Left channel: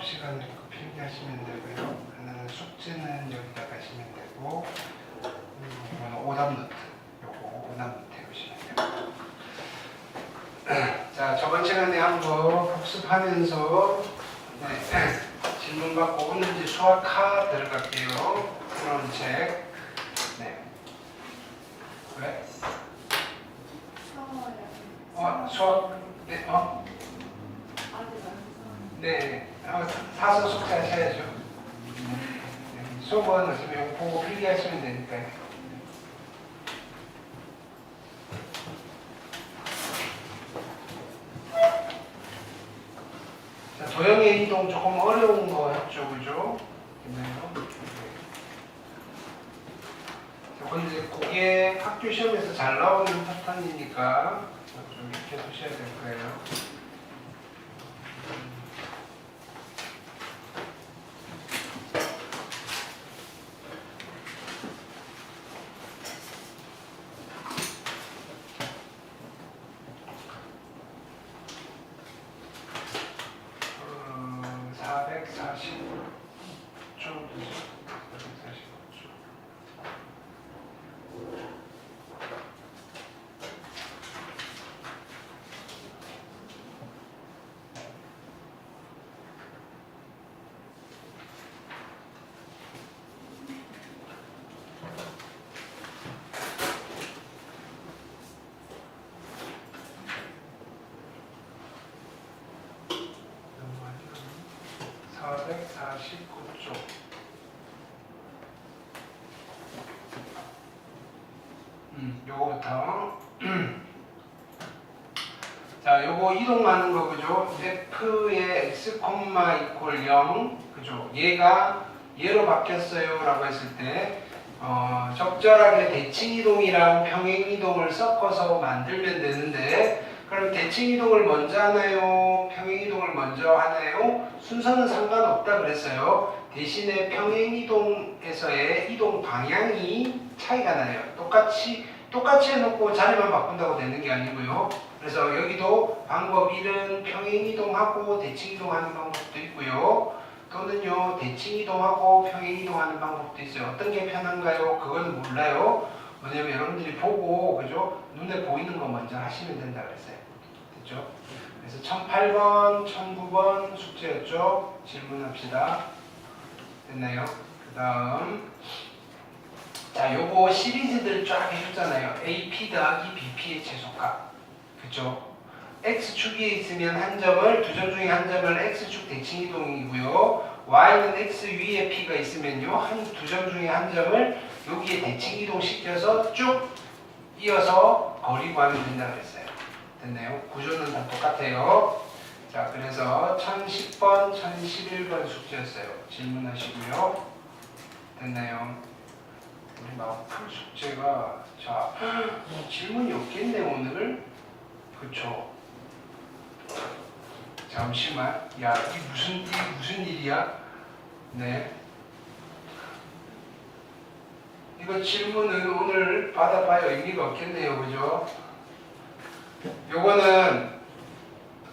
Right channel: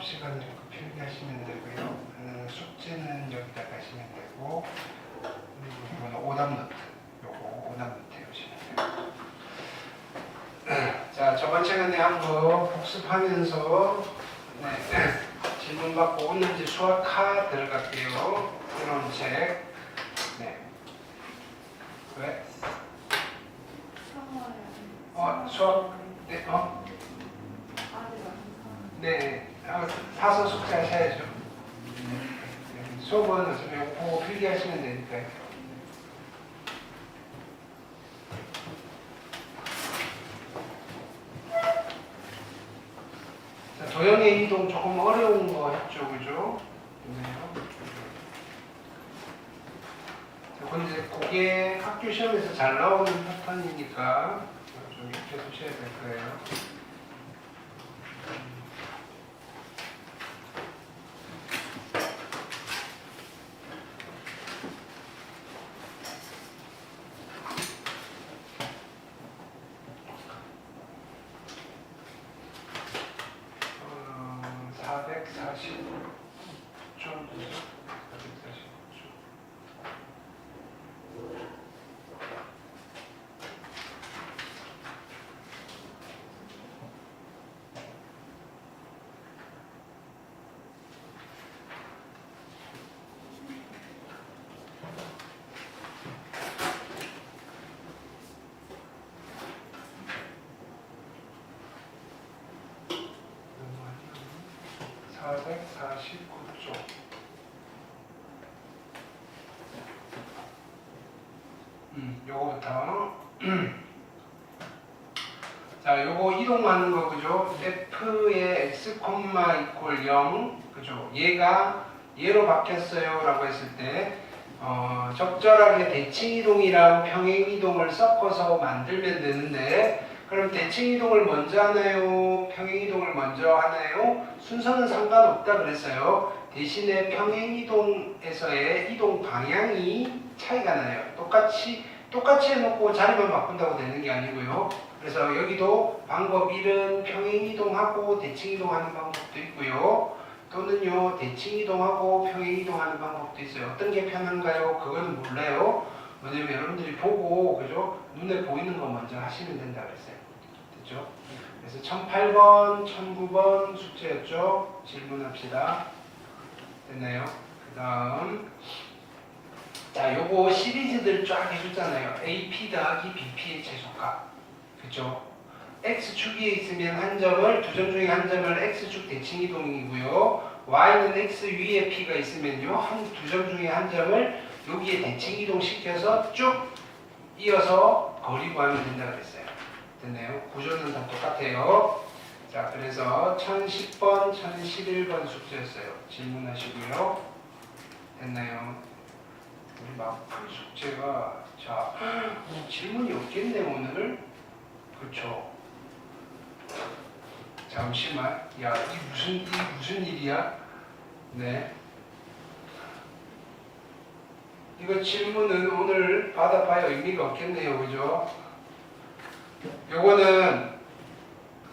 수업 시간 듣고 필기하시면 되고요. 숙제는 여기다 가시면 되고, 이거는 오답 노트, 요거 오답 노트에 보시면 돼요. 자, 저번 시간에 한번 복습하면서 질문 받고 오늘지 수학하 들어갈게요. 그런 책. 네. 왜? 수학? 네, 네, 사서 숙제 하셔야죠. 수업은 어차피 보고 필기하시면 되니까요. 자, 도형의 이동 조금 어려운 거 했죠, 그죠? 그게 학교 시험에서 잘 나오는 패턴이니까 좀 익혀두셔야 될 거예요. 요거부터 자, 요거 이동하는 거 그죠? f의 x, 이퀄 0 그죠? 얘가 얘로 바뀌었어요 라고 했을 때 적절하게 대칭 이동이랑 평행 이동을 섞어서 만들면 되는데, 그럼 대칭 이동을 먼저 하나요? 평행 이동을 먼저 하나요? 순서는 상관없다 그랬어요. 대신에 평행 이동에서의 이동 방향이 차이가 나요. 똑같이 해놓고 자리만 바꾼다고 되는 게 아니고요. 그래서 여기도 방법 1은 평행 이동하고 대칭 이동하는 방법도 있고요. 또는요, 대칭 이동하고 평행 이동하는 방법도 있어요. 어떤 게 편한가요? 그건 몰라요. 왜냐면 여러분들이 보고, 그죠? 눈에 보이는 거 먼저 하시면 된다 그랬어요. 됐죠? 그래서 1008번, 1009번 숙제였죠? 질문합시다. 됐나요? 그 다음. 자, 요거 시리즈들 쫙 해줬잖아요. AP 더하기 BP의 최소값. 그쵸? X축에 있으면 한 점을, 두 점 중에 한 점을 X축 대칭 이동이고요. Y는 X 위에 P가 있으면요, 두 점 중에 한 점을 여기에 대칭 이동시켜서 쭉 이어서 거리 구하면 된다고 했어요. 됐나요? 구조는 다 똑같아요. 자, 그래서 1010번, 1011번 숙제였어요. 질문하시고요. 됐나요? 우리 마풀 숙제가, 자, 질문이 없겠네, 오늘. 그쵸? 잠시만. 야, 이게 무슨 일이야? 네. 이거 질문은 오늘 받아봐야 의미가 없겠네요. 그죠? 요거는,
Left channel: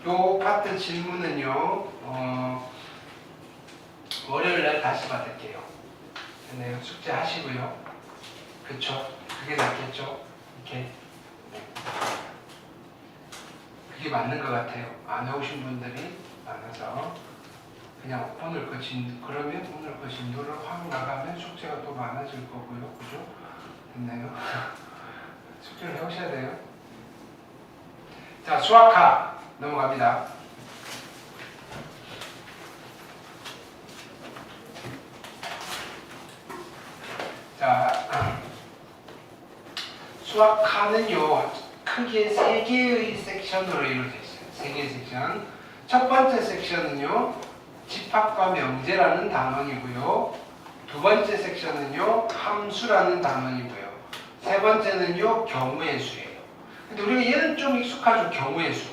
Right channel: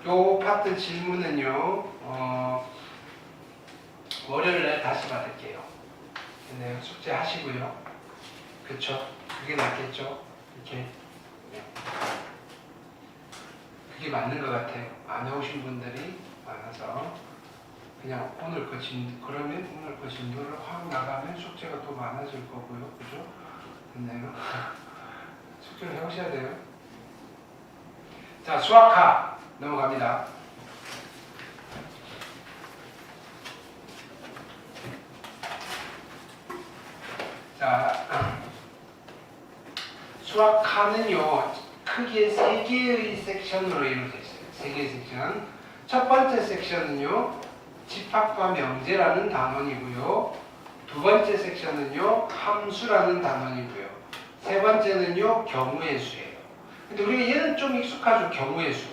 요 파트 질문은요, 월요일날 다시 받을게요. 네, 숙제 하시고요. 그쵸? 그게 낫겠죠? 이렇게. 네. 그게 맞는 것 같아요. 안 해오신 분들이 많아서. 그냥 오늘 그러면 오늘 그 진도를 확 나가면 숙제가 또 많아질 거고요. 그죠? 됐나요? 숙제를 해오셔야 돼요. 자, 수학하 넘어갑니다. 자, 수학하는요, 크게 3개의 섹션으로 이루어져 있어요. 3개의 섹션. 첫 번째 섹션은요, 집합과 명제라는 단원이고요. 두 번째 섹션은요, 함수라는 단원이고요. 세 번째는요, 경우의 수예요. 근데 우리가 얘는 좀 익숙하죠. 경우의 수.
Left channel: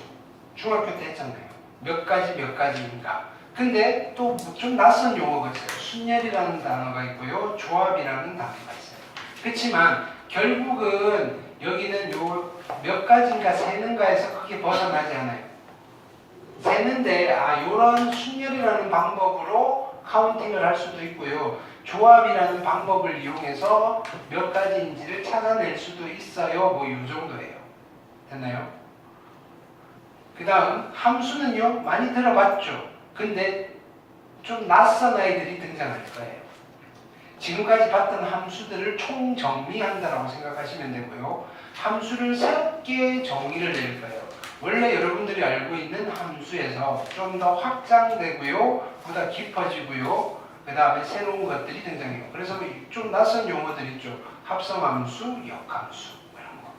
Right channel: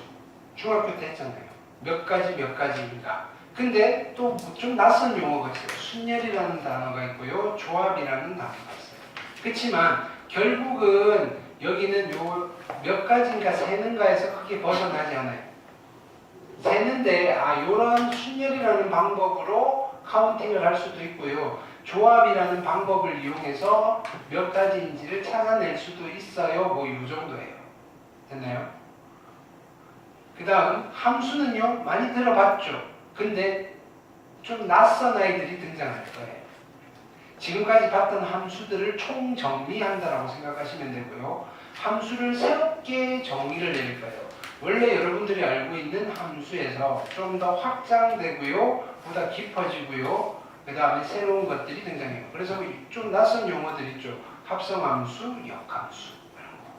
중학교 때 했잖아요. 몇 가지인가. 근데 또 좀 낯선 용어가 있어요. 순열이라는 단어가 있고요. 조합이라는 단어가 있어요. 그렇지만 결국은 여기는 요 몇 가지인가 세는가에서 크게 벗어나지 않아요. 세는데 요런 순열이라는 방법으로 카운팅을 할 수도 있고요. 조합이라는 방법을 이용해서 몇 가지인지를 찾아낼 수도 있어요. 뭐 이 정도예요. 됐나요? 그 다음 함수는요. 많이 들어봤죠. 근데 좀 낯선 아이들이 등장할 거예요. 지금까지 봤던 함수들을 총정리한다라고 생각하시면 되고요. 함수를 새롭게 정의를 낼 거예요. 원래 여러분들이 알고 있는 함수에서 좀 더 확장되고요. 보다 깊어지고요. 그 다음에 새로운 것들이 등장해요. 그래서 좀 낯선 용어들 있죠. 합성함수, 역함수 이런 거.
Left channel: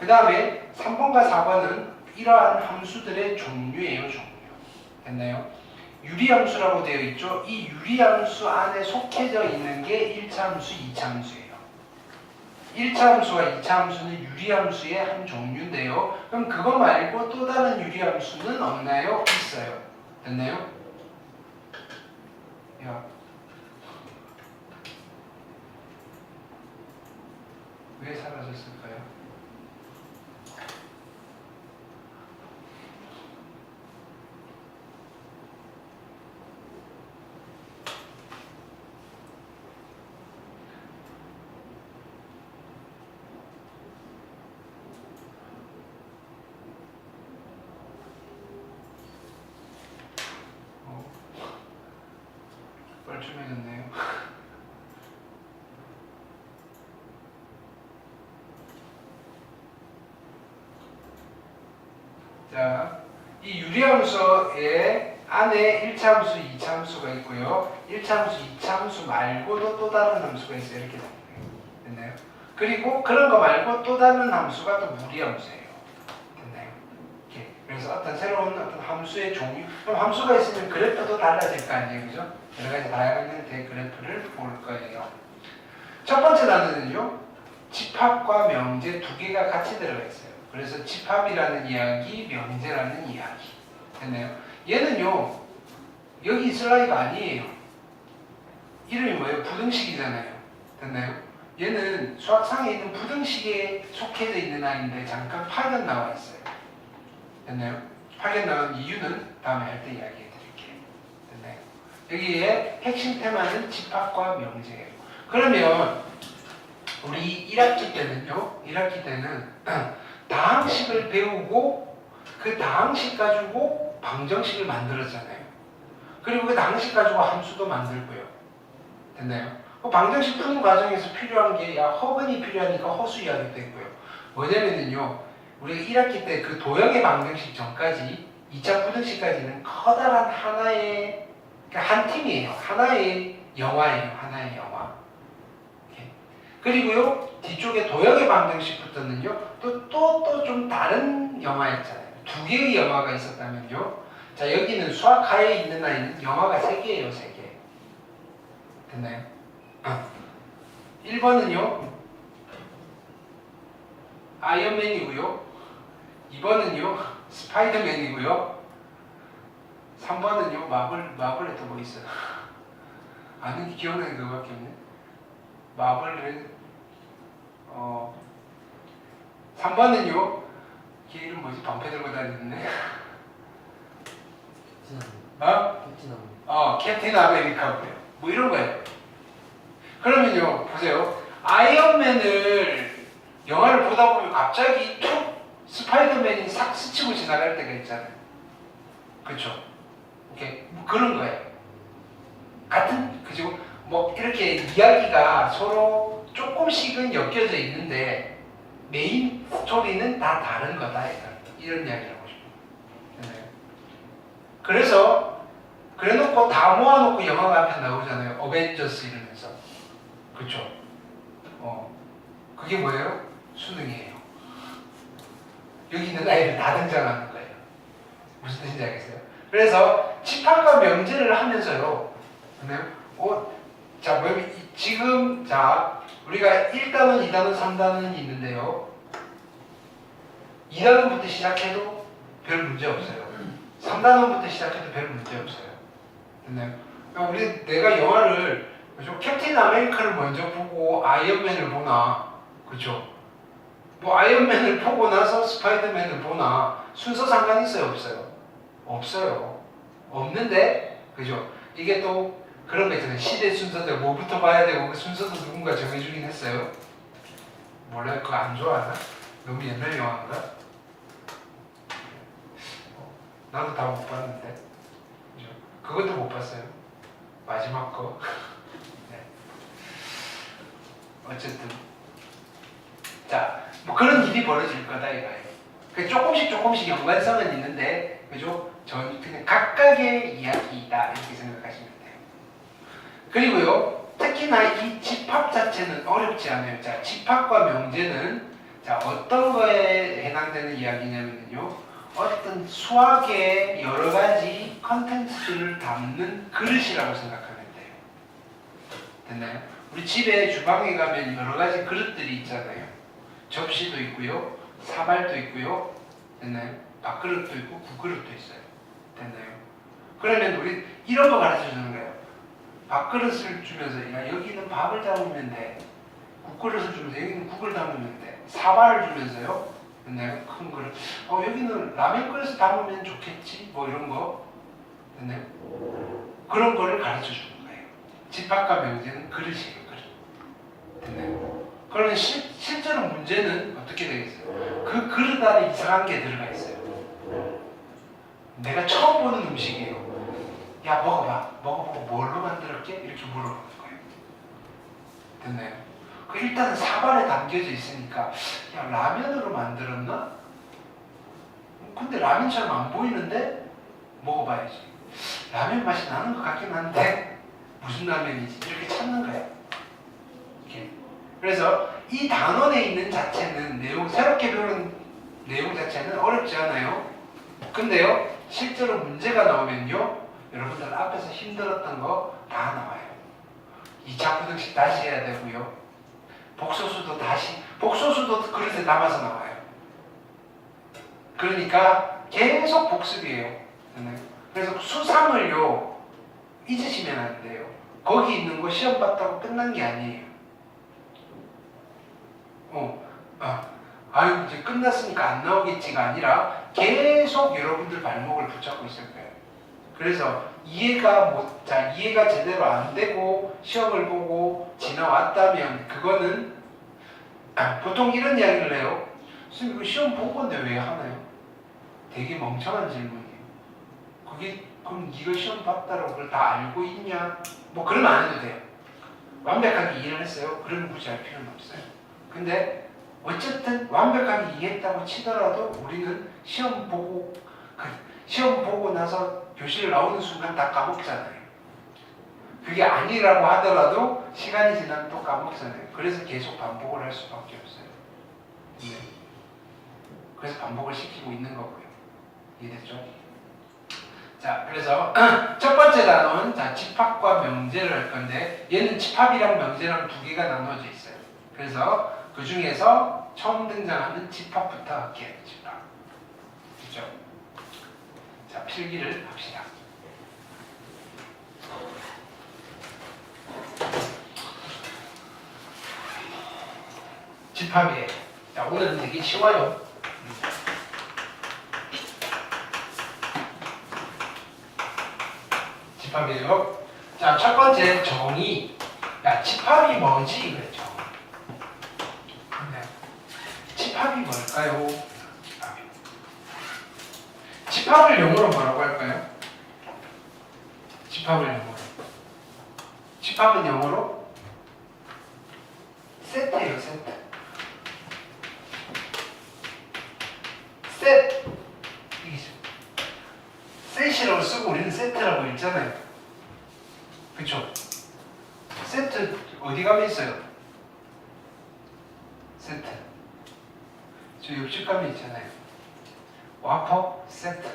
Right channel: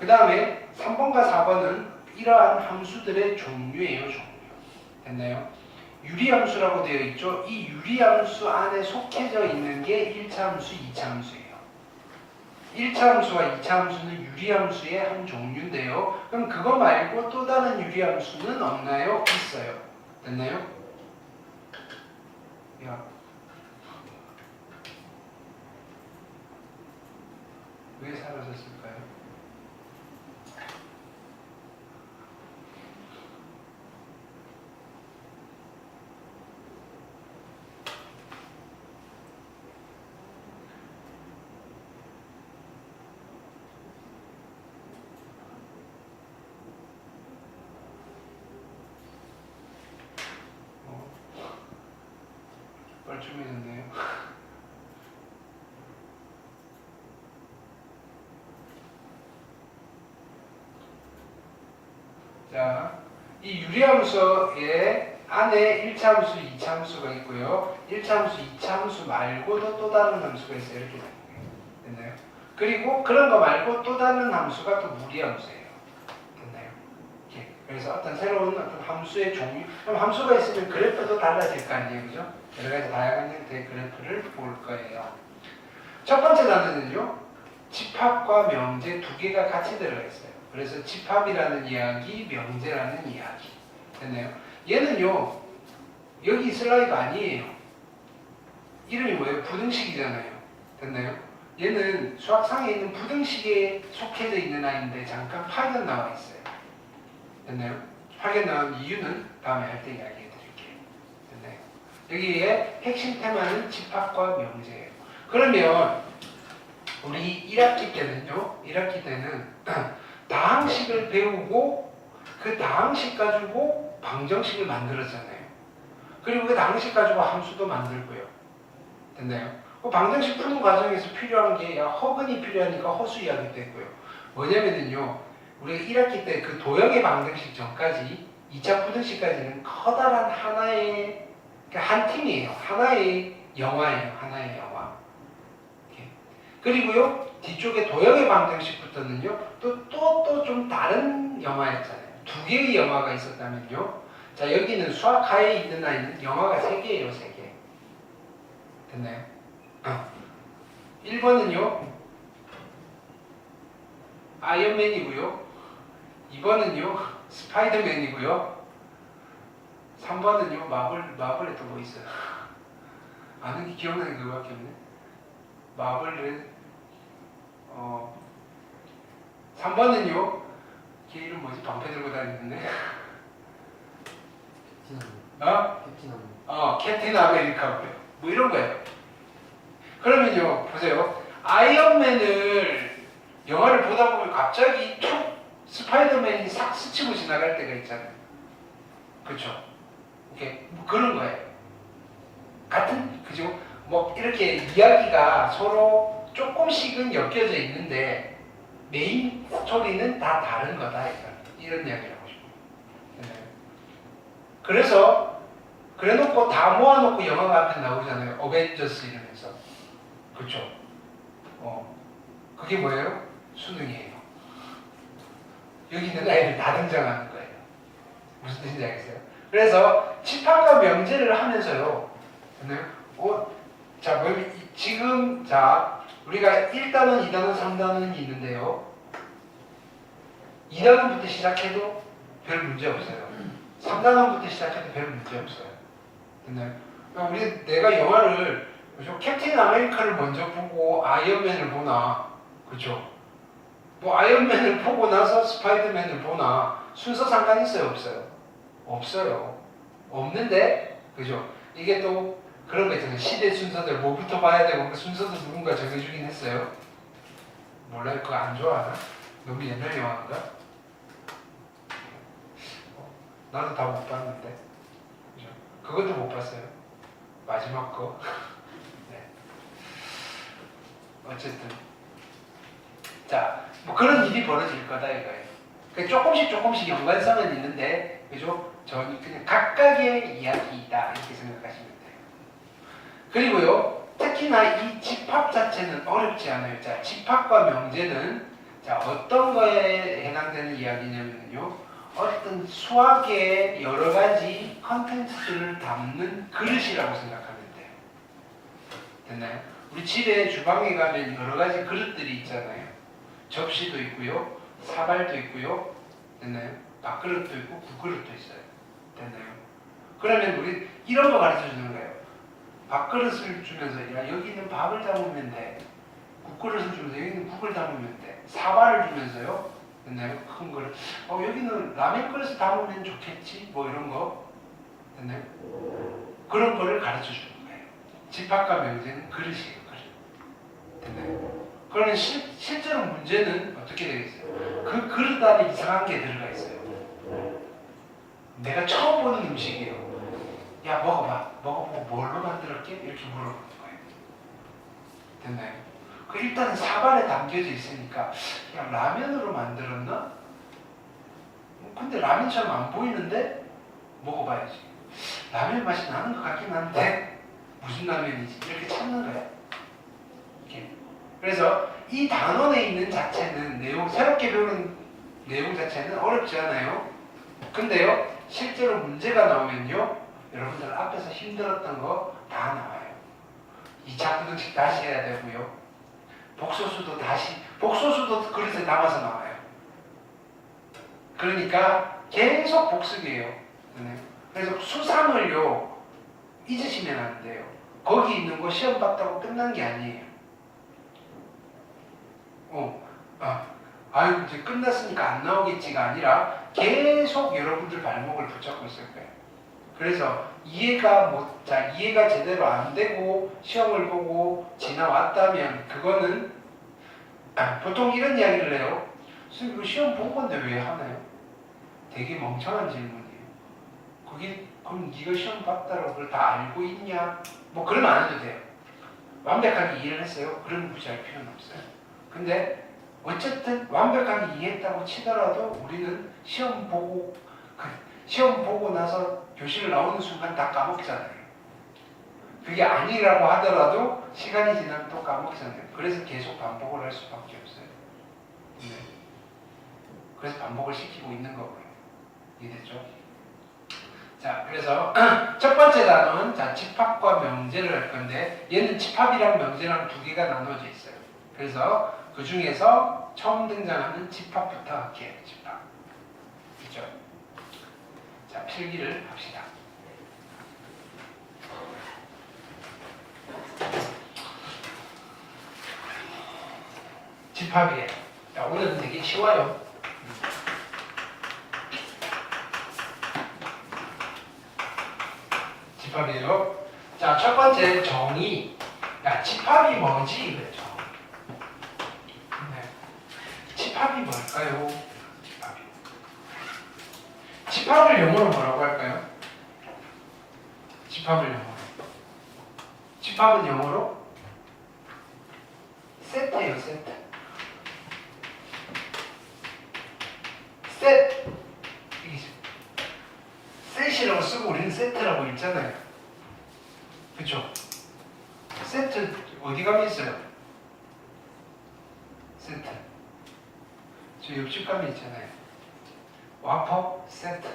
그 다음에 3번과 4번은 이러한 함수들의 종류예요. 종류. 됐나요? 유리함수라고 되어 있죠. 이 유리함수 안에 속해져 있는 게 1차 함수, 2차 함수예요. 1차 함수와 2차 함수는 유리함수의 한 종류인데요. 그럼 그거 말고 또 다른 유리함수는 없나요? 있어요. 됐나요? 야. 왜 사라졌을까요? 뻘쭘해졌네요. 자, 이 유리함수의 안에 1차 함수, 2차 함수가 있고요. 1차 함수, 2차 함수 말고도 또 다른 함수가 있어요. 이렇게 됐나요? 그리고 그런 거 말고 또 다른 함수가 또 무리함수예요. 됐나요? 이렇게. 그래서 어떤 새로운 어떤 함수의 종류, 그럼 함수가 있으면 그래프도 달라질 거 아니에요. 그죠? 여러 가지 다양한 형태의 그래프를 볼 거예요. 첫 번째 단어는요. 집합과 명제 두 개가 같이 들어가 있어요. 그래서 집합이라는 이야기, 명제라는 이야기. 됐나요? 얘는요. 여기 있을 나이가 아니에요. 이름이 뭐예요? 부등식이잖아요. 됐나요? 얘는 수학상에 있는 부등식에 속해져 있는 아이인데 잠깐 파견 나와 있어요. 됐나요? 파견 나온 이유는 다음에 할 때 이야기해 드릴게요. 됐나요? 여기에 핵심 테마는 집합과 명제예요. 그러면 우리 1학기 때는요. 1학기 때는 다항식을 배우고 그 다항식 가지고 방정식을 만들었잖아요. 그리고 그 다항식 가지고 함수도 만들고요. 됐나요? 그 방정식 푸는 과정에서 필요한 게 허근이 필요하니까 허수 이야기도 했고요. 뭐냐면요. 우리가 1학기 때 그 도형의 방정식 전까지 2차 부등식까지는 커다란 하나의 한 팀이에요. 하나의 영화예요. 하나의 영화. 그리고요. 뒤쪽에 도형의 방정식부터는요. 또 좀 다른 영화였잖아요. 두 개의 영화가 있었다면요. 자, 여기는 수학하에 있는 아이는 영화가 3개예요. 3개. 됐나요? 1번은요. 아이언맨이고요. 2번은요. 스파이더맨이고요. 3번은요. 마블에 또 뭐 있어요? 아는 게 기억나는 그거밖에 없네. 마블은 3번은요. 걔 이름 뭐지? 방패 들고 다니는데. 캡틴 아메리카고요. 뭐 이런 거예요. 그러면요. 보세요. 아이언맨을 영화를 보다 보면 갑자기 툭 스파이더맨이 싹 스치고 지나갈 때가 있잖아요. 그렇죠? 오케이. 뭐 그런 거예요. 같은 그죠? 뭐 이렇게 이야기가 서로 조금씩은 엮여져 있는데 메인 스토리는 다 다른 거다. 이런 이야기를 하고 싶어요. 그래서 그래놓고 다 모아놓고 영화가 한 편 나오잖아요. 어벤져스 이러면서. 그렇죠? 그게 뭐예요? 수능이에요. 여기 있는 아이들 다 등장하는 거예요. 무슨 뜻인지 알겠어요? 그래서 집합과 명제를 하면서요. 자, 지금 우리가 1단원, 2단원, 3단원이 있는데요. 2단원부터 시작해도 별 문제 없어요. 3단원부터 시작해도 별 문제 없어요. 됐나요? 그러니까 내가 영화를 캡틴 아메리카를 먼저 보고 아이언맨을 보나, 그렇죠? 뭐 아이언맨을 보고 나서 스파이더맨을 보나 순서 상관 있어요, 없어요? 없어요. 없는데, 그죠? 이게 또 그런 거 있잖아요. 시대 순서대로 뭐부터 봐야 되고 그 순서도 누군가 정해주긴 했어요. 몰라요. 그거 안 좋아하나? 너무 옛날 영화인가? 나도 다 못 봤는데. 그죠? 그것도 못 봤어요. 마지막 거. 네. 어쨌든. 자, 뭐 그런 일이 벌어질 거다 이거예요. 조금씩 연관성은 있는데, 그죠? 전 그냥 각각의 이야기이다 이렇게 생각하시면 돼요. 그리고요, 특히나 이 집합 자체는 어렵지 않아요. 자, 집합과 명제는 자 어떤 거에 해당되는 이야기냐면요, 어떤 수학의 여러 가지 컨텐츠를 담는 그릇이라고 생각하면 돼요. 됐나요? 우리 집에 주방에 가면 여러 가지 그릇들이 있잖아요. 접시도 있고요, 사발도 있고요, 됐나요? 밥그릇도 있고 국그릇도 있어요. 됐나요? 그러면 우리 이런 거 가르쳐 주는 거예요. 밥그릇을 주면서 야 여기는 밥을 담으면 돼. 국그릇을 주면서 여기는 국을 담으면 돼. 사발을 주면서요. 됐나요? 큰 그릇. 여기는 라면 그릇을 담으면 좋겠지. 뭐 이런 거. 됐나요? 그런 거를 가르쳐 주는 거예요. 집합과 명제는 그릇이에요. 그릇. 됐나요? 그러면 실제로 문제는 어떻게 되겠어요? 그 그릇 안에 이상한 게 들어가 있어요. 내가 처음 보는 음식이에요. 야 먹어봐. 먹어보고 뭘로 만들었게? 이렇게 물어보는 거예요. 됐나요? 일단은 사발에 담겨져 있으니까 야 라면으로 만들었나? 근데 라면처럼 안 보이는데 먹어봐야지. 라면 맛이 나는 것 같긴 한데 무슨 라면이지? 이렇게 찾는 거예요. 이렇게. 그래서 이 단원에 있는 자체는 새롭게 배우는 내용 자체는 어렵지 않아요. 근데요, 실제로 문제가 나오면요, 여러분들 앞에서 힘들었던 거 다 나와요. 2차 구등식 다시 해야 되고요. 복소수도 그릇에 담아서 나와요. 그러니까 계속 복습이에요. 그래서 수상을요, 잊으시면 안 돼요. 거기 있는 거 시험 봤다고 끝난 게 아니에요. 아유, 이제 끝났으니까 안 나오겠지가 아니라 계속 여러분들 발목을 붙잡고 있을 거예요. 그래서 이해가 제대로 안 되고 시험을 보고 지나왔다면 그거는 보통 이런 이야기를 해요. 선생님, 그 시험 본 건데 왜 하나요? 되게 멍청한 질문이에요. 그럼 네가 시험 봤다라고 그걸 다 알고 있냐? 뭐 그러면 안 해도 돼요. 완벽하게 이해를 했어요. 그러면 굳이 할 필요는 없어요. 근데 어쨌든 완벽하게 이해했다고 치더라도 우리는 시험 보고 나서 교실 나오는 순간 다 까먹잖아요. 그게 아니라고 하더라도 시간이 지나면 또 까먹잖아요. 그래서 계속 반복을 할 수밖에 없어요. 네. 그래서 반복을 시키고 있는 거고요. 이해됐죠? 자, 그래서 첫 번째 단어는 집합과 명제를 할 건데 얘는 집합이랑 명제랑 두 개가 나눠져 있어요. 그래서 그 중에서 처음 등장하는 집합부터 할게요. 집합. 그렇죠? 자, 필기를 합시다. 집합이에요. 자, 오늘은 되게 쉬워요. 집합이에요. 자, 첫 번째 정의. 야, 집합이 뭐지? 이거죠. 네. 집합이 뭘까요? 집합을 영어로 뭐라고 할까요? 집합은 영어로 세트예요. 셋이라고 쓰고 우리는 세트라고 읽잖아요. 그쵸? 세트 어디 가면 있어요? 세트. 저 옆집 가면 있잖아요. 와퍼 세트.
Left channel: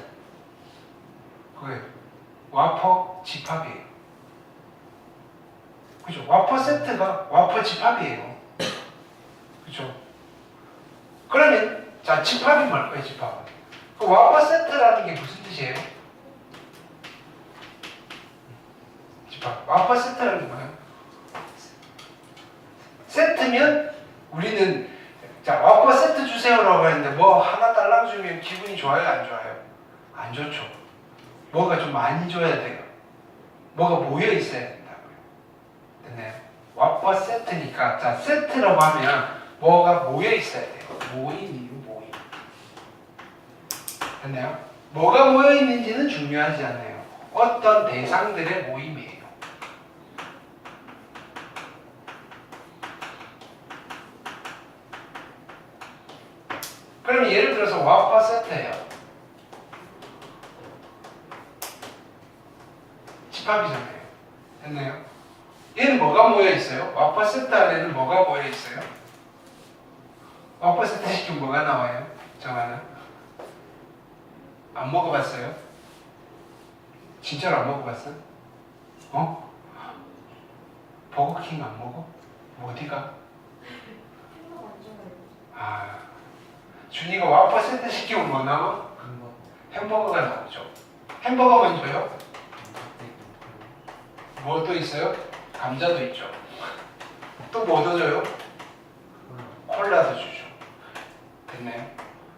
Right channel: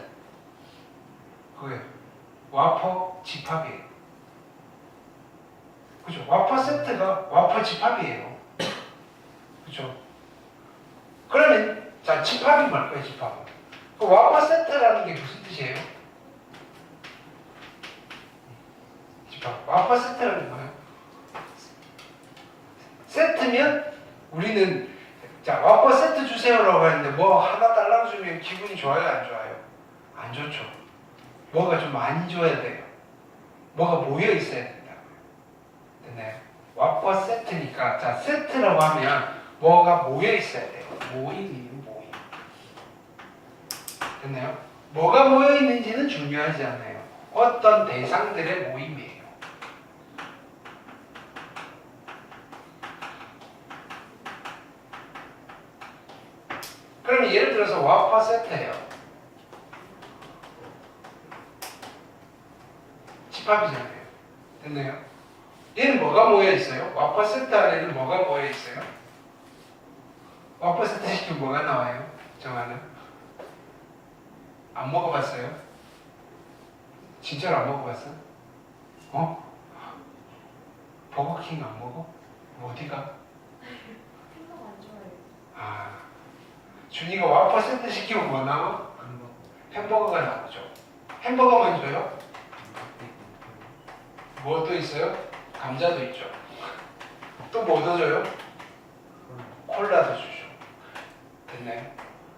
그게 와퍼 집합이에요. 그죠? 와퍼 세트가 와퍼 집합이에요. 그죠? 그러면 자, 집합이 뭘까요? 집합은 그 와퍼 세트라는 게 무슨 뜻이에요? 집합. 와퍼 세트라는 게 뭐예요? 세트면 우리는 자, 와퍼 세트 주세요라고 하는데 뭐 하나 달라고 주면 기분이 좋아요? 안 좋아요? 안 좋죠. 뭐가 좀 많이 줘야 돼요. 뭐가 모여 있어야 된다고요. 됐나요? 왓버 세트니까, 자, 세트라고 하면 뭐가 모여 있어야 돼요. 모임이에요, 모임. 됐나요? 뭐가 모여 있는지는 중요하지 않아요. 어떤 대상들의 모임이에요. 그럼 예를 들어서 왓버 세트예요. 집합이잖아요. 됐나요? 얘는 뭐가 모여 있어요? 왓버 세트 안에는 뭐가 모여 있어요? 왓버 세트 시키면 뭐가 나와요? 정하나? 안 먹어봤어요? 진짜로 안 먹어봤어? 어? 버거킹 안 먹어? 어디가? 햄버거 안 좋아해요. 아, 준이가 왓버 세트 시키면 뭐 나와? 햄버거가 나오죠. 햄버거만 줘요? 뭐 또 있어요? 감자도 있죠. 또 뭐 더 줘요? 콜라도 주죠. 됐나요?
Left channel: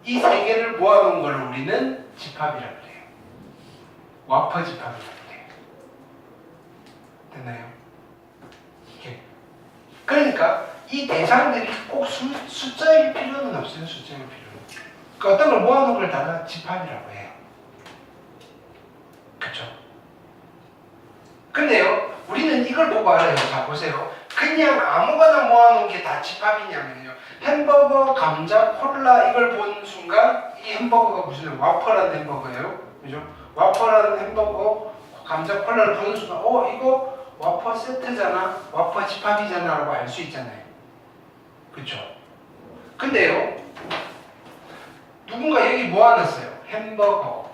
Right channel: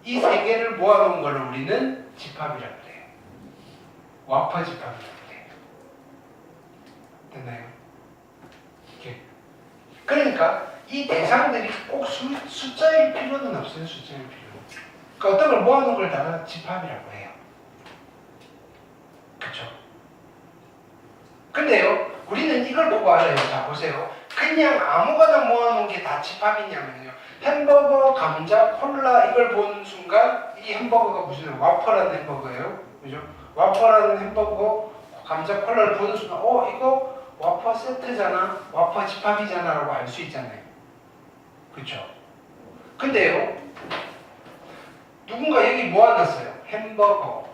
이 세 개를 모아놓은 걸 우리는 집합이라고 그래요. 와퍼 집합이라고 그래요. 됐나요? 이렇게. 그러니까 이 대상들이 꼭 숫자일 필요는 없어요. 숫자일 필요는. 그러니까 어떤 걸 모아놓은 걸 다 집합이라고 해요. 그렇죠? 근데요, 우리는 이걸 보고 알아요. 자, 보세요. 그냥 아무거나 모아놓은 게 다 집합이냐면요. 햄버거, 감자, 콜라 이걸 본 순간 이 햄버거가 무슨 와퍼라는 햄버거예요. 그죠? 와퍼라는 햄버거, 감자, 콜라를 보는 순간 이거 와퍼 세트잖아. 와퍼 집합이잖아 라고 알 수 있잖아요. 그렇죠? 근데요. 누군가 여기 모아놨어요. 햄버거.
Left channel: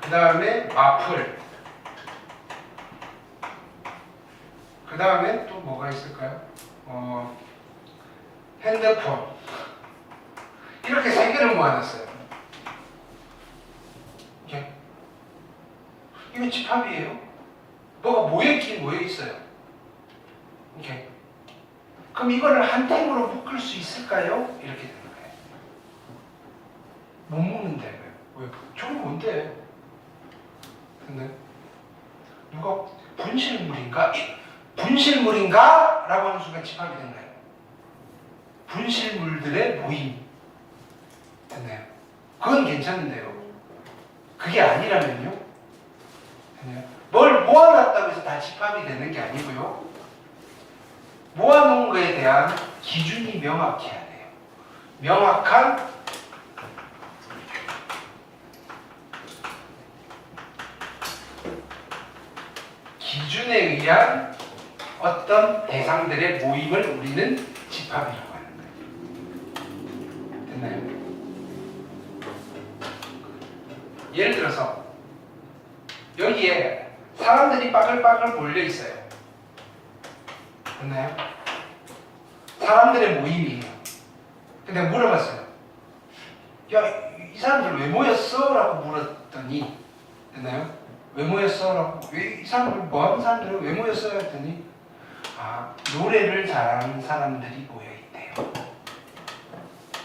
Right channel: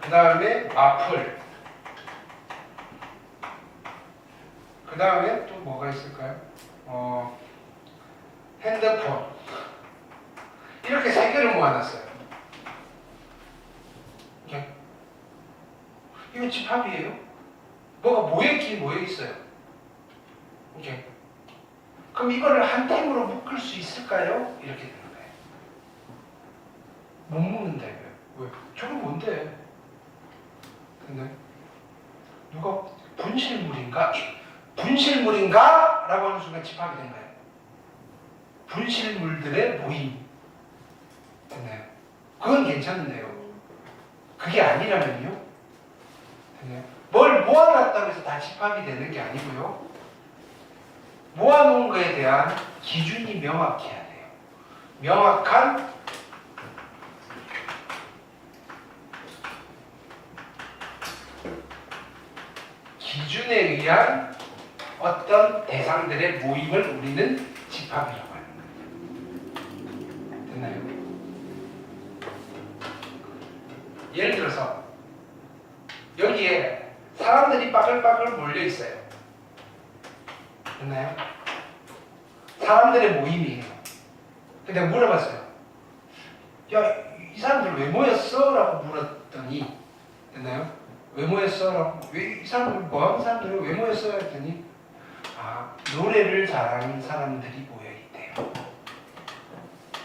그 다음에 와플. 그 다음에 또 뭐가 있을까요? 핸드폰. 이렇게 세 개를 모아놨어요. 이게. 이거 집합이에요. 뭐가 모여있긴 모여있어요. 이게. 그럼 이거를 한 팀으로 묶을 수 있을까요? 이렇게 되는 거예요. 못 묶는데. 왜? 저게 뭔데? 근데 누가 분실물인가? 분실물인가? 라고 하는 순간 집합이 된 거예요. 분실물들의 모임. 됐나요? 그건 괜찮은데요. 그게 아니라면요? 됐나요? 뭘 모아놨다고 해서 다 집합이 되는 게 아니고요. 모아놓은 거에 대한 기준이 명확해야 돼요. 명확한 기준에 의한 어떤 대상들의 모임을 우리는 집합이라고 하는 거예요. 됐나요? 예를 들어서 여기에 사람들이 빠글빠글 몰려 있어요. 됐나요? 사람들의 모임이에요. 근데 물어봤어요. 야, 이 사람들 왜 모였어? 라고 물었더니, 됐나요? 왜 모였어? 라고, 왜 이 사람들, 뭐 하는 사람들이 왜 모였어? 했더니, 노래를 잘하는 사람들이 모여있대요.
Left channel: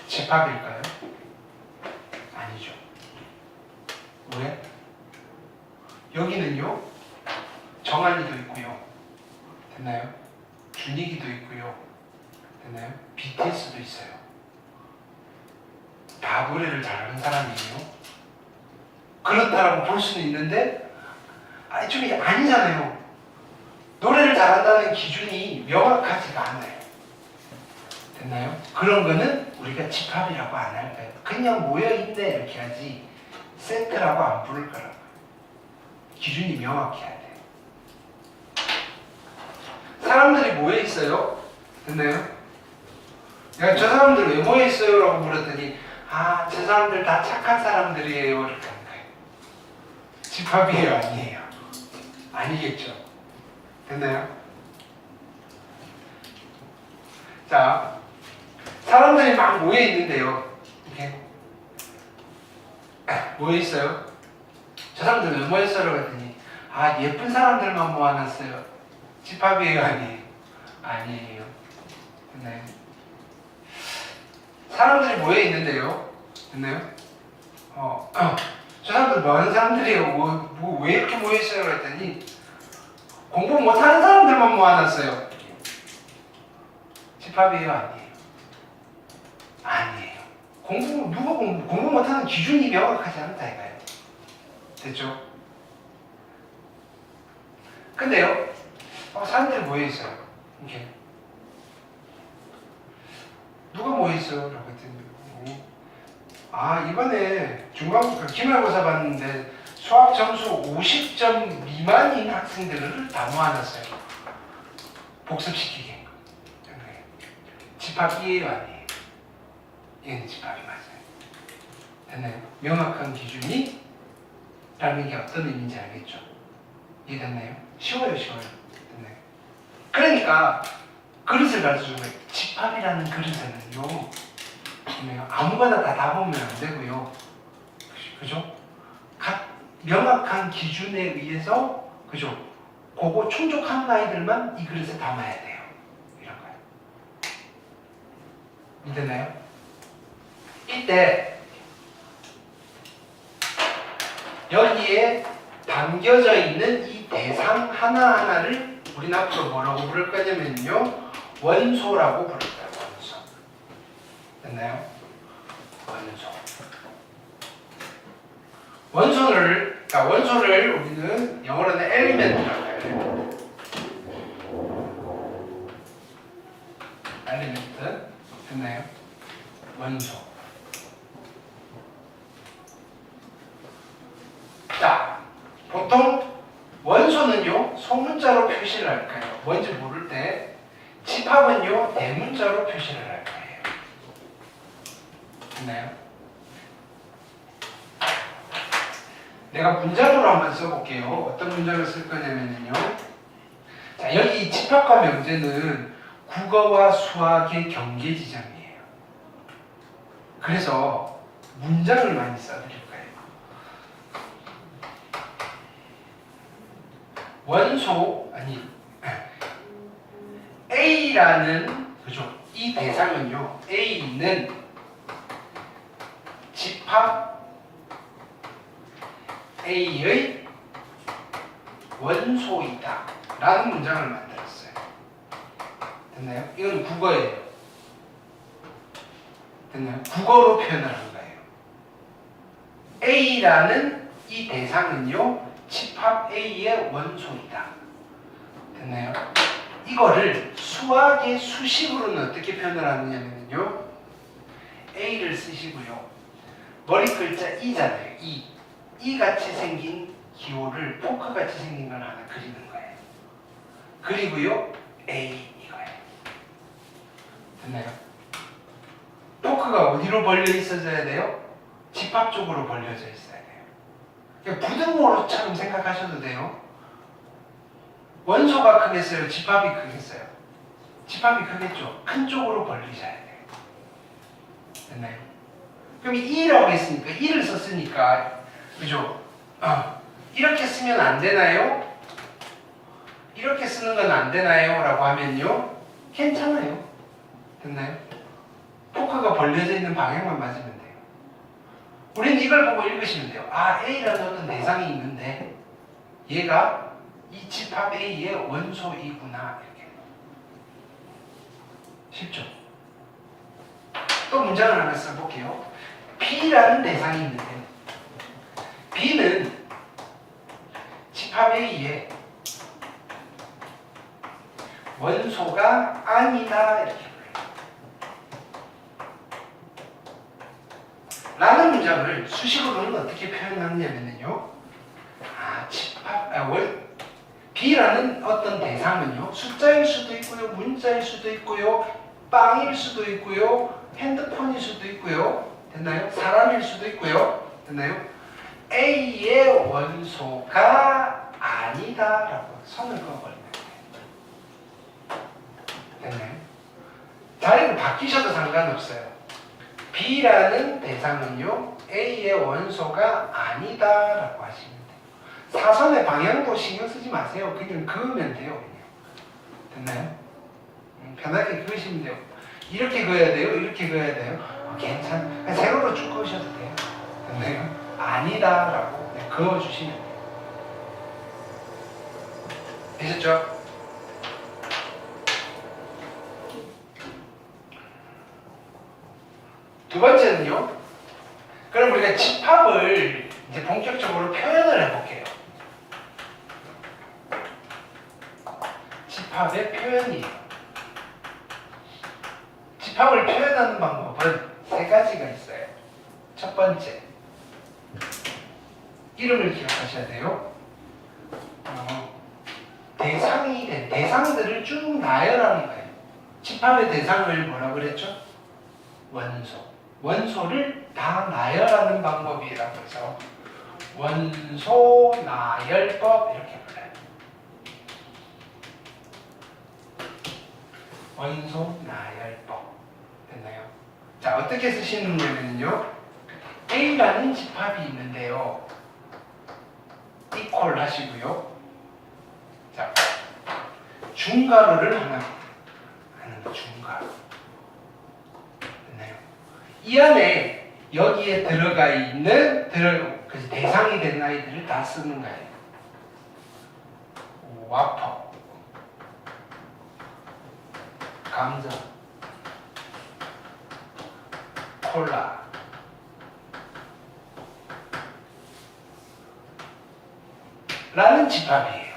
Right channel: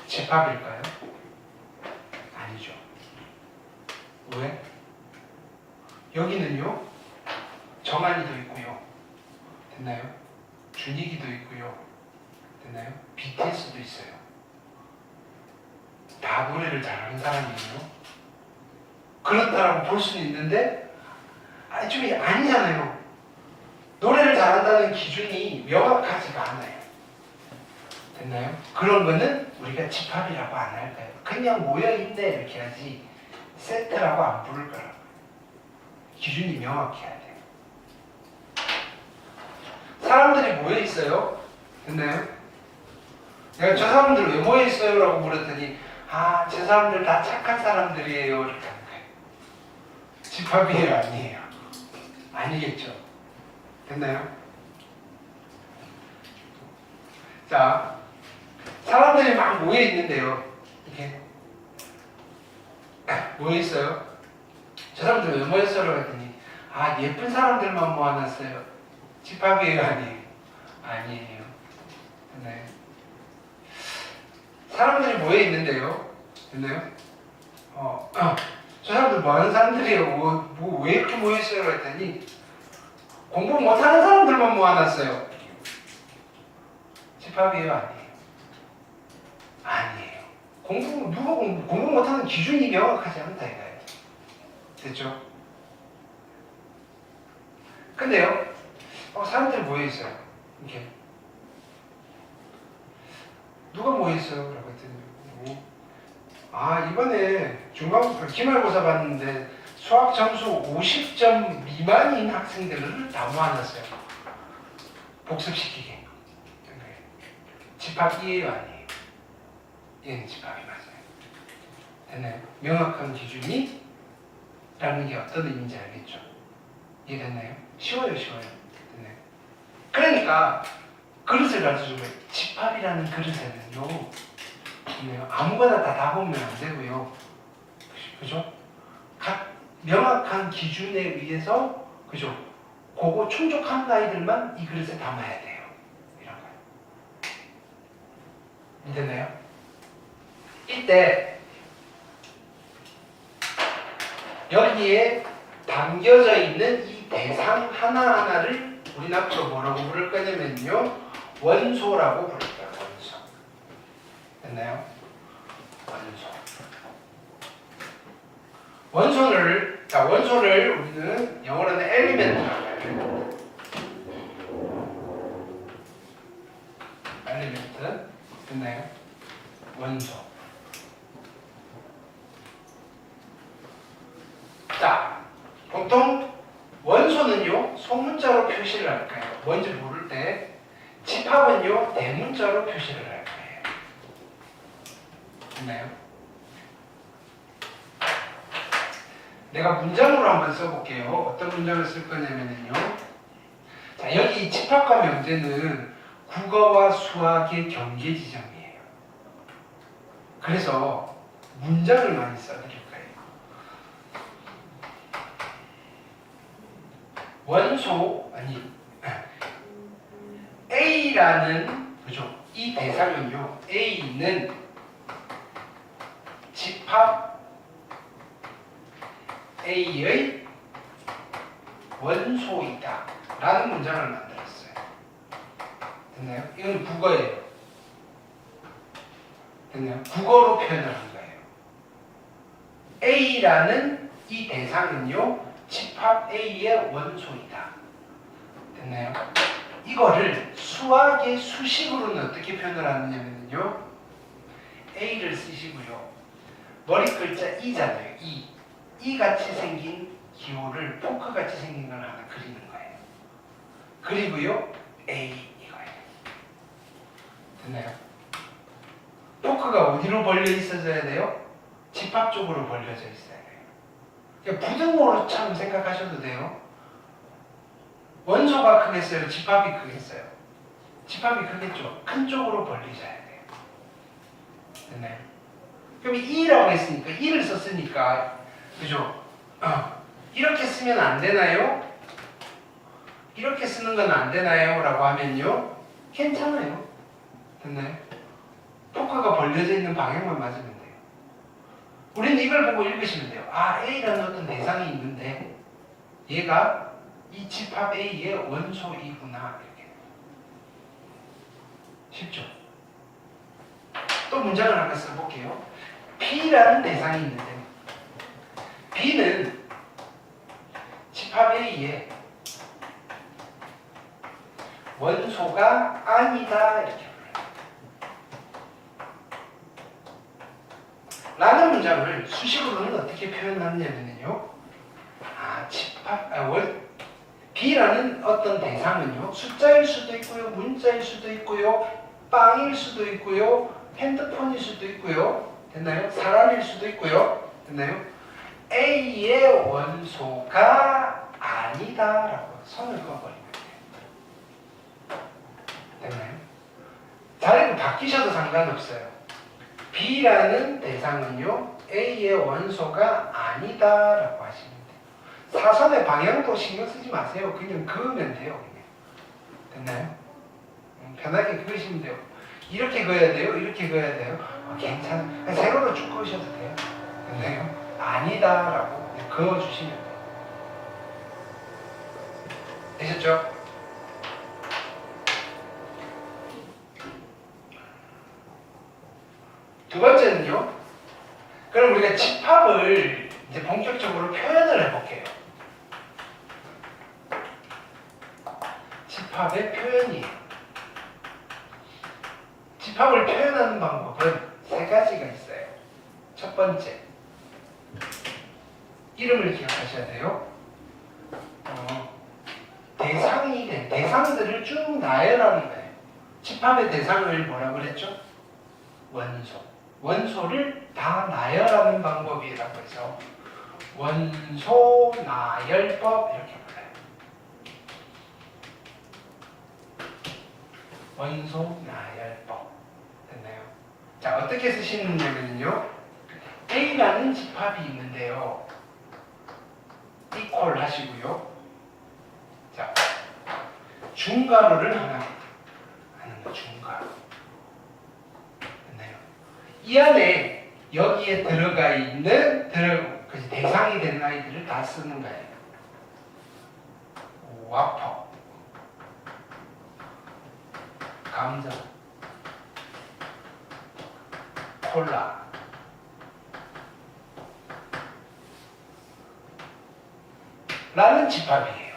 집합일까요? 아니죠. 왜? 여기는요, 정한이도 있고요. 됐나요? 준익이도 있고요. 됐나요? BTS도 있어요. 다 노래를 잘하는 사람이에요. 그렇다라고 볼 수는 있는데, 좀 아니잖아요. 노래를 잘한다는 기준이 명확하지가 않아요. 됐나요? 그런 거는 우리가 집합이라고 안 할까요? 그냥 모여있네 이렇게 하지 세트라고 안 부를 거라고요. 기준이 명확해야 돼요. 사람들이 모여있어요. 됐나요? 내가 저 사람들 왜 모여있어요? 라고 물었더니 저 사람들 다 착한 사람들이에요. 이렇게 하는 거예요. 집합이에요? 아니에요? 아니겠죠. 됐나요? 자, 사람들이 막 모여 있는데요. 이렇게 모여 있어요. 저 사람들 왜 모였어요? 그랬더니 예쁜 사람들만 모아놨어요. 집합이에요? 아니에요? 아니에요. 됐나요? 사람들이 모여 있는데요. 됐나요? 저 사람들 뭐 하는 사람들이에요? 왜 이렇게 모여있어요? 그랬더니 공부 못하는 사람들만 모아놨어요. 집합이에요? 아니에요? 아니에요. 공부 못하는 기준이 명확하지 않다 이거예요. 됐죠? 근데요, 사람들이 모여있어요. 이렇게. 누가 모여있어요? 라고 했더니, 이번에 기말고사 봤는데 수학 점수 50점 미만인 학생들을 다 모아놨어요. 복습시키게. 집합이에요? 아니에요? 얘는 집합이 맞아요. 됐나요? 명확한 기준이 라는 게 어떤 의미인지 알겠죠? 이해됐나요? 쉬워요. 됐나요? 그러니까 그릇을 가르쳐준 거예요. 집합이라는 그릇에는요, 아무거나 다 담으면 안 되고요. 그죠? 각 명확한 기준에 의해서, 그죠? 그거 충족한 아이들만 이 그릇에 담아야 돼요. 이런 거예요. 이해되나요? 이때 여기에 담겨져 있는 이 대상 하나하나를 우리는 앞으로 뭐라고 부를 거냐면요, 원소라고 부를 거예요. 원소. 됐나요? 원소를 우리는 영어로는 엘리멘트라고 해요. 엘리멘트. 됐나요? 원소. 자, 보통 원소는요, 소문자로 표시를 할까요? 뭔지 모를 때. 집합은요, 대문자로 표시를 할 거예요. 됐나요? 내가 문장으로 한번 써볼게요. 어떤 문장을 쓸 거냐면요. 자, 여기 집합과 명제는 국어와 수학의 경계 지점이에요. 그래서 문장을 많이 써드릴 거예요. A라는, 그죠? 이 대상은요, A는 집합 A의 원소이다 라는 문장을 만들었어요. 됐나요? 이건 국어예요. 됐나요? 국어로 표현을 한 거예요. A라는 이 대상은요, 집합 A의 원소이다. 됐나요? 이거를 수학의 수식으로는 어떻게 표현을 하느냐면요, A를 쓰시고요, 머리 글자 E잖아요. 이 같이 생긴 기호를 포크 같이 생긴 걸 하나 그리는 거예요. 그리고요, A 이거예요. 됐나요? 포크가 어디로 벌려 있어져야 돼요? 집합 쪽으로 벌려져 있어야 돼요. 그러니까 부등호로처럼 생각하셔도 돼요. 원소가 크겠어요? 집합이 크겠어요? 집합이 크겠죠? 큰 쪽으로 벌리셔야 돼요. 됐나요? 그럼 2라고 했으니까 2를 썼으니까, 그죠? 이렇게 쓰면 안 되나요? 이렇게 쓰는 건 안 되나요? 라고 하면요, 괜찮아요. 됐나요? 포크가 벌려져 있는 방향만 맞으면 돼요. 우리는 이걸 보고 읽으시면 돼요. A라는 어떤 대상이 있는데 얘가 이 집합 A의 원소이구나. 이렇게. 쉽죠? 또 문장을 한번 써볼게요. B라는 대상이 있는데 B는 집합 A의 원소가 아니다. 이렇게 라는 문장을 수식으로는 어떻게 표현하느냐면요, B라는 어떤 대상은요, 숫자일 수도 있고요, 문자일 수도 있고요, 빵일 수도 있고요, 핸드폰일 수도 있고요, 됐나요? 사람일 수도 있고요, 됐나요? A의 원소가 아니다라고 선을 그어버리면 돼요. 됐나요? 자리를 바뀌셔도 상관없어요. B라는 대상은요, A의 원소가 아니다라고 하시면 돼요. 사선의 방향도 신경 쓰지 마세요. 그냥 그으면 돼요. 그냥. 됐나요? 편하게 그으시면 돼요. 이렇게 그어야 돼요? 이렇게 그어야 돼요? 괜찮아요. 세로로 쭉 그으셔도 돼요. 됐나요? 아니다라고 그어주시면 돼요. 되셨죠? 두 번째는요. 그럼 우리가 집합을 이제 본격적으로 표현을 해볼게요. 집합의 표현이에요. 집합을 표현하는 방법은 세 가지가 있어요. 첫 번째, 이름을 기억하셔야 돼요. 대상들을 쭉 나열하는 거예요. 집합의 대상을 뭐라고 그랬죠? 원소. 원소를 다 나열하는 방법이라고 해서 원소 나열법 이렇게 불러요. 원소 나열법. 됐나요? 자, 어떻게 쓰시느냐면요. A라는 집합이 있는데요. 이퀄 하시고요. 자, 중괄호를 하나 하는 거, 중괄호. 됐나요? 이 안에 여기에 들어가 있는 대상이 되는 아이들을 다 쓰는 거예요. 와퍼, 감자, 콜라, 라는 집합이에요.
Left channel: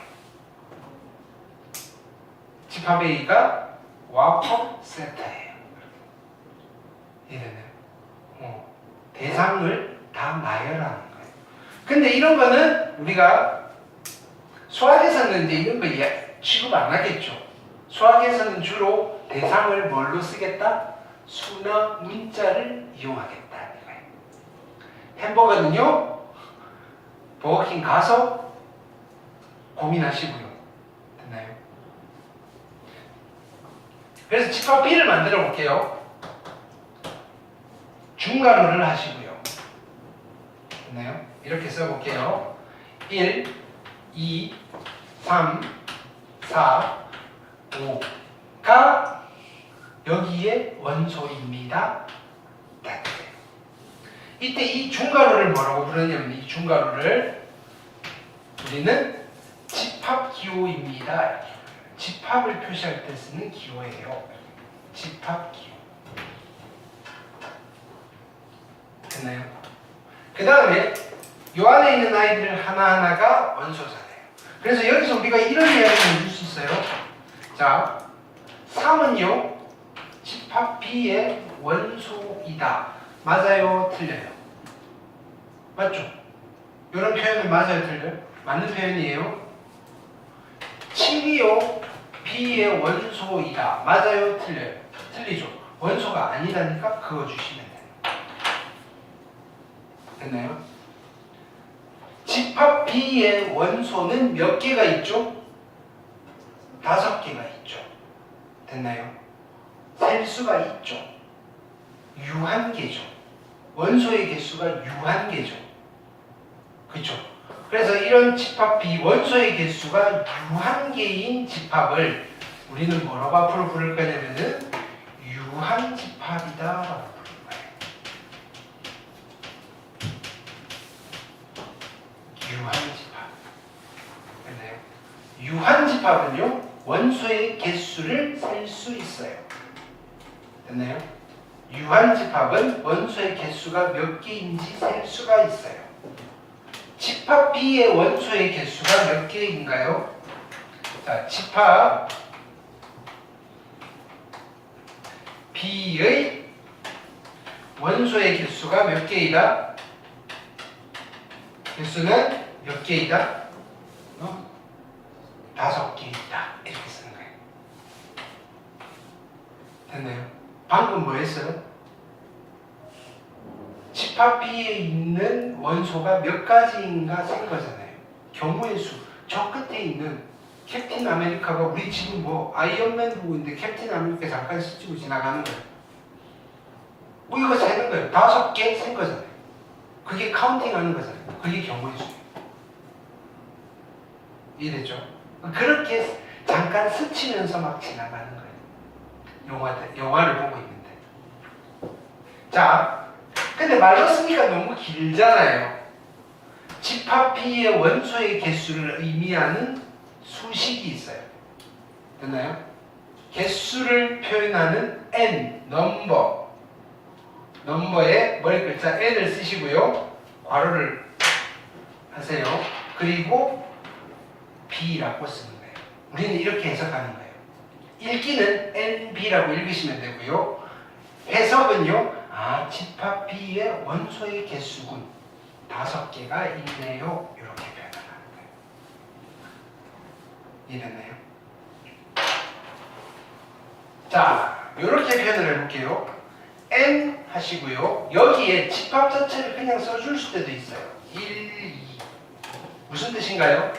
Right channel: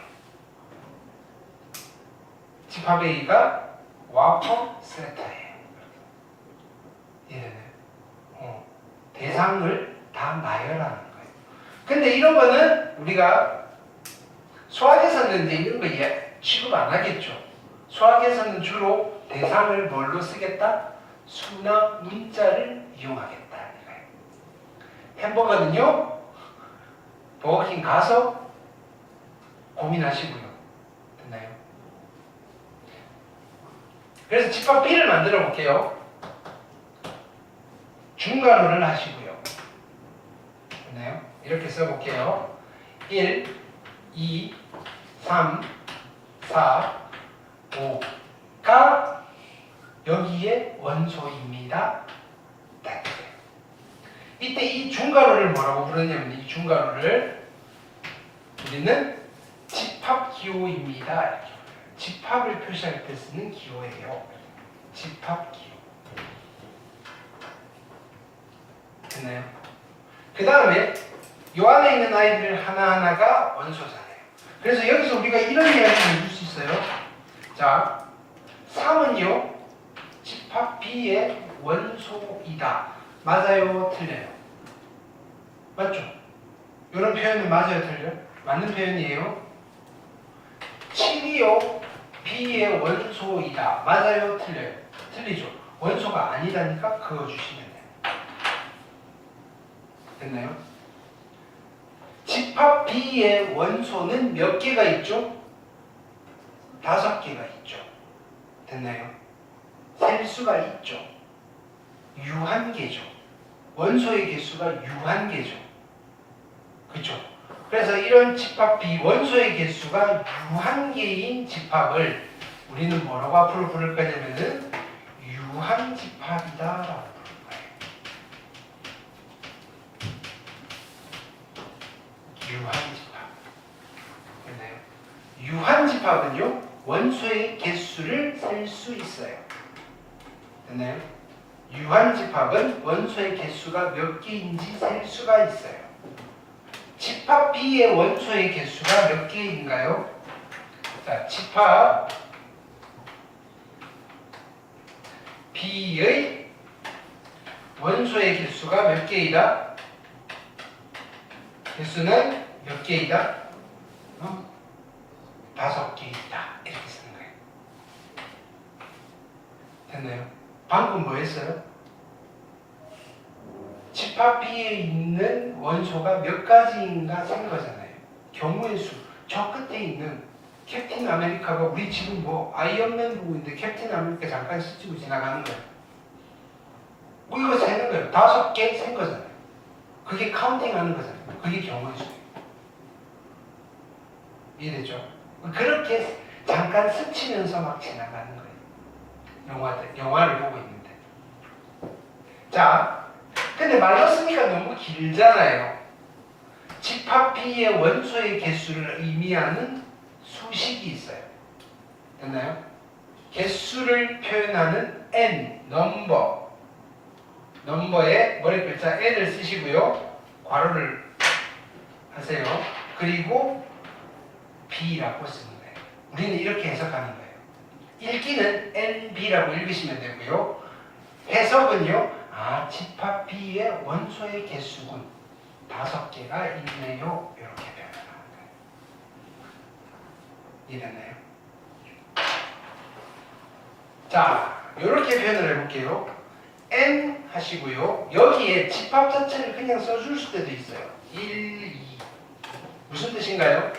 집합 A가 와퍼 세트예요. 이해되나요? 대상을 다 나열하는 거예요. 근데 이런 거는 우리가 수학에서는 이제 이런 거 취급 안 하겠죠. 수학에서는 주로 대상을 뭘로 쓰겠다? 수나 문자를 이용하겠다. 햄버거는요, 버거킹 가서 고민하시고요. 됐나요? 그래서 집합 B를 만들어 볼게요. 중괄호를 하시고요. 됐나요? 이렇게 써볼게요. 1, 2, 3, 4, 5가 여기에 원소입니다. 네. 이때 이 중괄호를 뭐라고 부르냐면 이 중괄호를 우리는 집합기호입니다. 이렇게 불러요. 집합을 표시할 때 쓰는 기호예요. 집합기호. 됐나요? 그 다음에 요 안에 있는 아이들 하나하나가 원소잖아요. 그래서 여기서 우리가 이런 이야기를 해줄 수 있어요. 자, 3은요 집합 B의 원소이다. 맞아요? 틀려요? 맞죠? 이런 표현이 맞아요? 틀려요? 맞는 표현이에요. 7이요 B의 원소이다. 맞아요? 틀려요? 틀리죠? 원소가 아니다니까 그어주시면 돼요. 됐나요? 집합 B의 원소는 몇 개가 있죠? 5개가 있죠. 됐나요? 셀 수가 있죠. 유한개죠. 원소의 개수가 유한개죠. 그렇죠? 그래서 이런 집합 B 원소의 개수가 유한개인 집합을 우리는 뭐라고 앞으로 부를 거냐면은 유한집합이다라고 부르는 거예요. 유한집합. 됐나요? 유한집합은요 원소의 개수를 셀 수 있어요. 됐나요? 유한집합은 원소의 개수가 몇 개인지 셀 수가 있어요. 집합 B의 원소의 개수가 몇 개인가요? 자, 집합 B의 원소의 개수가 몇 개이다? 개수는 몇 개이다? 5개이다. 이렇게 쓰는 거예요. 됐나요? 방금 뭐 했어요? 집합 B에 있는 원소가 몇 가지인가 센 거잖아요. 경우의 수. 저 끝에 있는 캡틴 아메리카가 우리 지금 뭐 아이언맨 보고 있는데 캡틴 아메리카 잠깐 스치고 지나가는 거예요. 뭐 이거 세는 거예요. 5개 센 거잖아요. 그게 카운팅 하는 거잖아요. 그게 경우의 수예요. 이해됐죠? 그렇게 잠깐 스치면서 막 지나가는 거예요. 영화를 보고 있는데. 자, 근데 말로 쓰니까 너무 길잖아요. 집합 B의 원소의 개수를 의미하는 수식이 있어요. 됐나요? 개수를 표현하는 n, 넘버에 머리 글자 n을 쓰시고요. 괄호를 하세요. 그리고 B라고 쓰는 거예요. 우리는 이렇게 해석하는 거예요. 읽기는 NB라고 읽으시면 되고요. 해석은요. 집합 B의 원소의 개수군 5개가 있네요. 이렇게 표현을 하는 거예요. 이해됐나요? 자, 이렇게 표현을 해볼게요. N 하시고요. 여기에 집합 자체를 그냥 써줄 수도 있어요. 1, 2. 무슨 뜻인가요?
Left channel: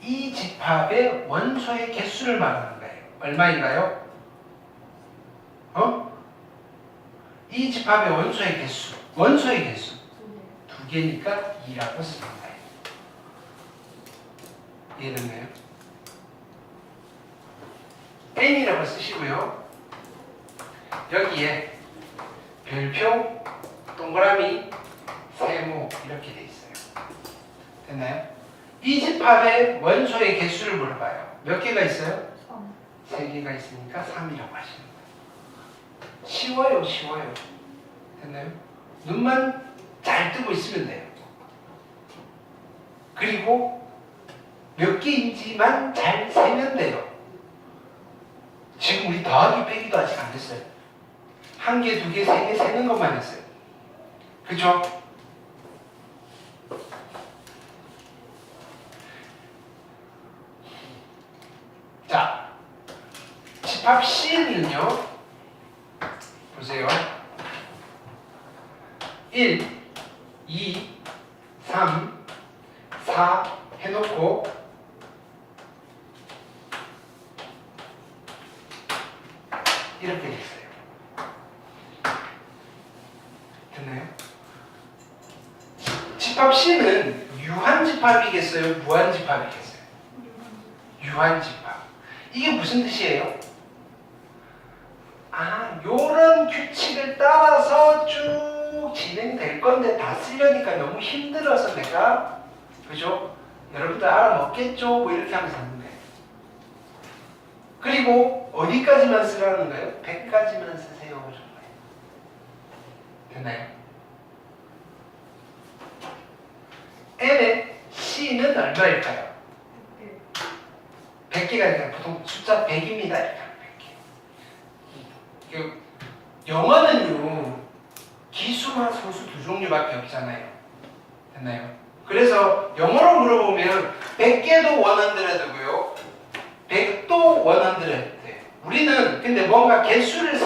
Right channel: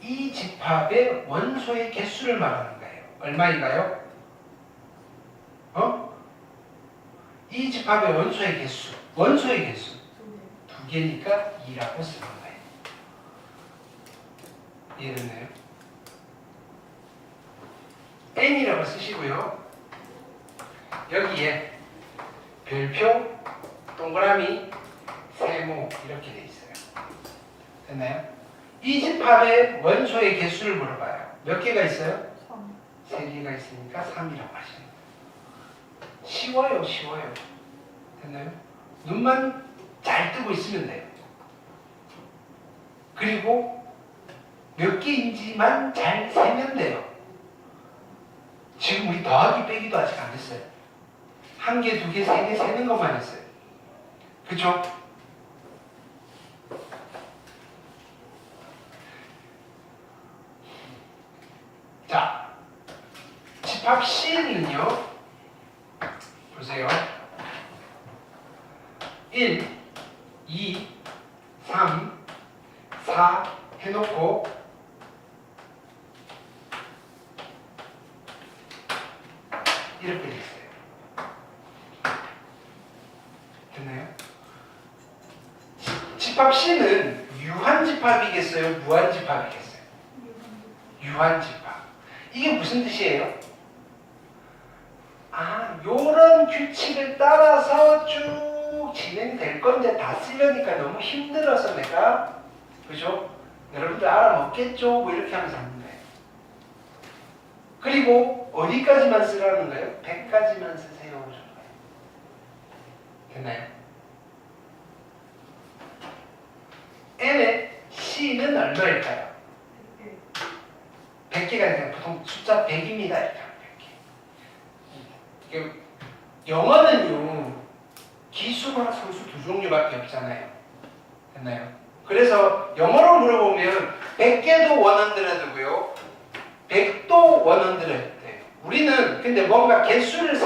이 집합의 원소의 개수를 말하는 거예요. 얼마인가요? 이 집합의 원소의 개수. 원소의 개수. 2개니까 2라고 쓰는 거예요. 이해됐나요? n이라고 쓰시고요. 여기에 별표, 동그라미, 세모 이렇게 돼 있어요. 됐나요? 이 집합의 원소의 개수를 물어봐요. 몇 개가 있어요? 3개가 있으니까 3이라고 하시는 거예요. 쉬워요. 됐나요? 눈만 잘 뜨고 있으면 돼요. 그리고 몇 개인지만 잘 세면 돼요. 지금 우리 더하기 빼기도 아직 안 했어요. 1개, 2개, 3개 세는 것만 했어요. 그죠? 자, 집합 C는요. 보세요. 1, 2, 3, 4 해놓고 이렇게 돼 있어요. 됐나요? 집합 C는 유한집합이겠어요? 무한집합이겠어요? 유한집합. 이게 무슨 뜻이에요? 요런 규칙을 따라서 쭉 진행될 건데 다 쓰려니까 너무 힘들어서 내가, 그죠? 여러분들 알아먹겠죠? 뭐 이렇게 하면서 하는 거예요. 그리고 어디까지만 쓰라는 거예요? 100까지만 쓰세요. 그런 거예요. 됐나요? n의 c는 얼마일까요? 100개가 아니라 보통 숫자 100입니다. 이렇게 하면 100개. 영어는요, 기수나 소수 두 종류밖에 없잖아요. 됐나요? 그래서 영어로 물어보면 100개도 원한드레드고요, 100도 원한드레드. 우리는 근데 뭔가 개수를